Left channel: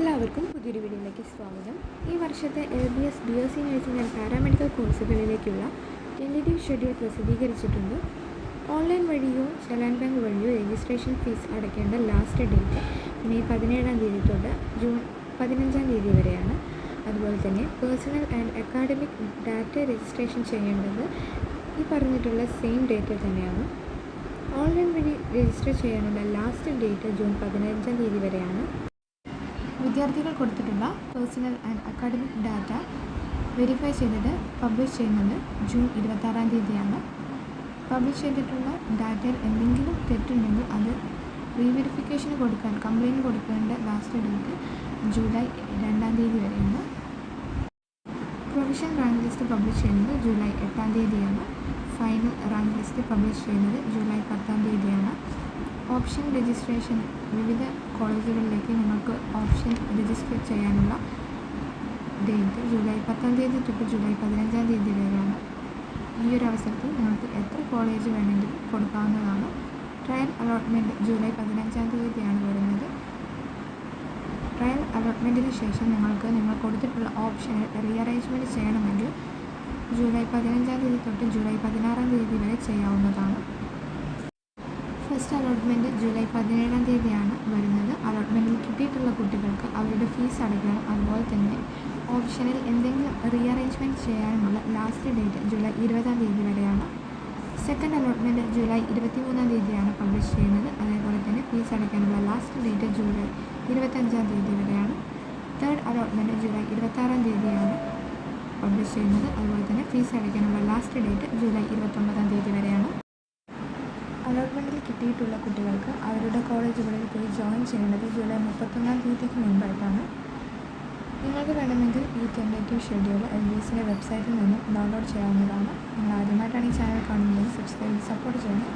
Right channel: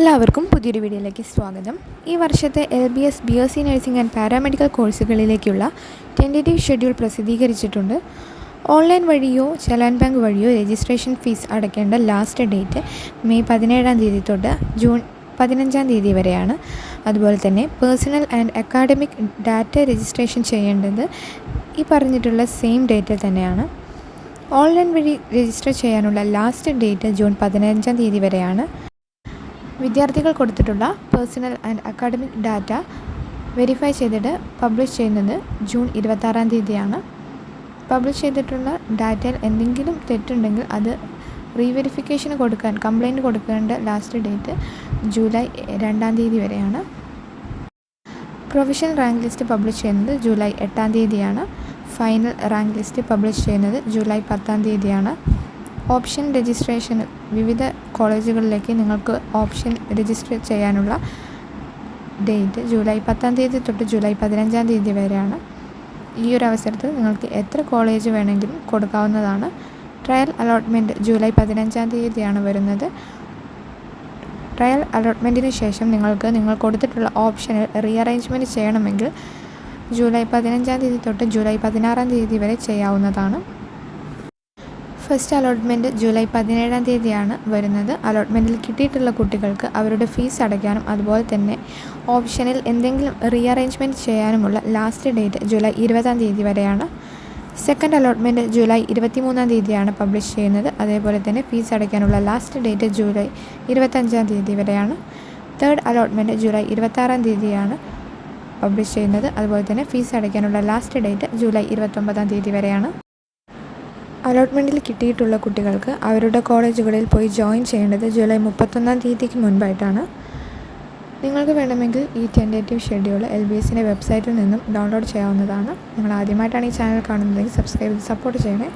എല്ലാവർക്കും പുതിയൊരു വീഡിയോയിലേക്ക് സ്വാഗതം. ഈ വർഷത്തെ L B S B S C nursing and paramedical കോഴ്സുകളിലേക്കുള്ള tentative schedule പ്രസിദ്ധീകരിച്ചിട്ടുണ്ട്. ഓൺലൈൻ വഴിയോ ചലാൻ ബാങ്ക് വഴിയോ രജിസ്ട്രേഷൻ ഫീസ് അടയ്ക്കേണ്ട ലാസ്റ്റ് ഡേറ്റ് മെയ് പതിനേഴാം തീയതി തൊട്ട് ജൂൺ പതിനഞ്ചാം തീയതി വരെയാണ്. അതുപോലെ തന്നെ personal and academic data registration ചെയ്യേണ്ടത് ഈ പറഞ്ഞിട്ടുള്ള സെയിം ഡേറ്റിൽ തന്നെയാണ്. ഓൺലൈൻ വഴി രജിസ്റ്റർ ചെയ്യാനുള്ള ലാസ്റ്റ് ഡേറ്റ് ജൂൺ പതിനഞ്ചാം തീയതി വരെയാണ്. വിദ്യാർത്ഥികൾ കൊടുത്തിട്ടുള്ള personal and academic data verify ചെയ്തിട്ട് പബ്ലിഷ് ചെയ്യുന്നത് ജൂൺ ഇരുപത്താറാം തീയതിയാണ്. പബ്ലിഷ് ചെയ്തിട്ടുള്ള ഡാറ്റയിൽ എന്തെങ്കിലും തെറ്റുണ്ടെങ്കിൽ അത് റീവെരിഫിക്കേഷന് കൊടുക്കാൻ കംപ്ലയിന്റ് കൊടുക്കേണ്ട ലാസ്റ്റ് ഡേറ്റ് ജൂലൈ രണ്ടാം തീയതി വരെയാണ്. പ്രൊഫഷണൽ റാങ്ക് ലിസ്റ്റ് പബ്ലിഷ് ചെയ്യുന്നത് ജൂലൈ എട്ടാം തീയതിയാണ്. ഫൈനൽ റാങ്ക് ലിസ്റ്റ് പബ്ലിഷ് ചെയ്യുന്നത് ജൂലൈ പത്താം തീയതിയാണ്. ഓപ്ഷൻ രജിസ്ട്രേഷന് വിവിധ കോളേജുകളിലേക്ക് നിങ്ങൾക്ക് ഓപ്ഷൻ രജിസ്റ്റർ ചെയ്യാനുള്ള ഡേറ്റ് ജൂലൈ പത്താം തീയതി തൊട്ട് ജൂലൈ പതിനഞ്ചാം തീയതി വരെയാണ്. ഈ ഒരു അവസരത്തിൽ നിങ്ങൾക്ക് എത്ര കോളേജ് വേണമെങ്കിലും കൊടുക്കാവുന്നതാണ്. ട്രയൽ അലോട്ട്മെന്റ് ജൂലൈ പതിനഞ്ചാം തീയതിയാണ് വരുന്നത്. ട്രയൽ അലോട്ട്മെന്റിന് ശേഷം നിങ്ങൾക്ക് നിങ്ങൾ കൊടുത്തിട്ടുള്ള ഓപ്ഷനിൽ റീഅറേഞ്ച്മെന്റ് ചെയ്യണമെങ്കിൽ ജൂലൈ പതിനഞ്ചാം തീയതി തൊട്ട് ജൂലൈ പതിനാറാം തീയതി വരെ ചെയ്യാവുന്നതാണ്. ഫസ്റ്റ് അലോട്ട്മെന്റ് ജൂലൈ പതിനേഴാം തീയതിയാണ് വരുന്നത്. അലോട്ട്മെന്റിൽ കിട്ടിയിട്ടുള്ള കുട്ടികൾക്ക് അവരുടെ ഫീസ് അടയ്ക്കാനും അതുപോലെ തന്നെ ഓപ്ഷനിൽ എന്തെങ്കിലും റീഅറേഞ്ച്മെന്റ് ചെയ്യാനുമുള്ള ലാസ്റ്റ് ഡേറ്റ് ജൂലൈ ഇരുപതാം തീയതി വരെയാണ്. സെക്കൻഡ് അലോട്ട്മെന്റ് ജൂലൈ ഇരുപത്തിമൂന്നാം തീയതിയാണ് പബ്ലിഷ് ചെയ്യുന്നത്. അതേപോലെ തന്നെ ഫീസ് അടയ്ക്കാനുള്ള ലാസ്റ്റ് ഡേറ്റ് ജൂലൈ ഇരുപത്തഞ്ചാം തീയതി വരെയാണ്. തേർഡ് അലോട്ട്മെന്റ് ജൂലൈ ഇരുപത്താറാം തീയതിയാണ് പബ്ലിഷ് ചെയ്യുന്നത്. അതുപോലെ തന്നെ ഫീസ് അടയ്ക്കാനുള്ള ലാസ്റ്റ് ഡേറ്റ് ജൂലൈ ഇരുപത്തൊമ്പതാം തീയതി വരെയാണ്. അലോട്ട്മെന്റിൽ കിട്ടിയിട്ടുള്ള കുട്ടികൾക്ക് അവരുടെ കോളേജുകളിൽ പോയി ജോയിൻ ചെയ്യേണ്ടത് ജൂലൈ മുപ്പത്തൊന്നാം തീയതിക്ക് മുൻപായിട്ടാണ്. നിങ്ങൾക്ക് വേണമെങ്കിൽ ഈ ടെൻഡേറ്റീവ് ഷെഡ്യൂൾ എൽ ബി എസിന്റെ വെബ്സൈറ്റിൽ നിന്നും ഡൗൺലോഡ് ചെയ്യാവുന്നതാണ്. നിങ്ങൾ ആദ്യമായിട്ടാണ് ഈ ചാനൽ കാണുന്നതെങ്കിൽ സബ്സ്ക്രൈബ് സപ്പോർട്ട് ചെയ്യണേ.